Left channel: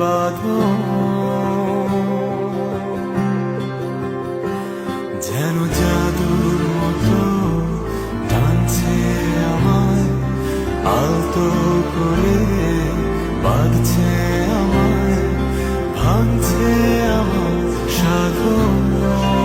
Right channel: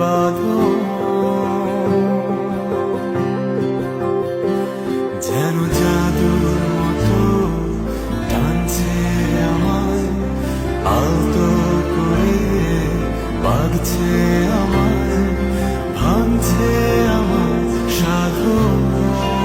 বাঁধন, যেন জাদুর মতো টানছে আমায়, আলতো করে বাঁধছে আমায়, ভাঙছে আমার সাধন।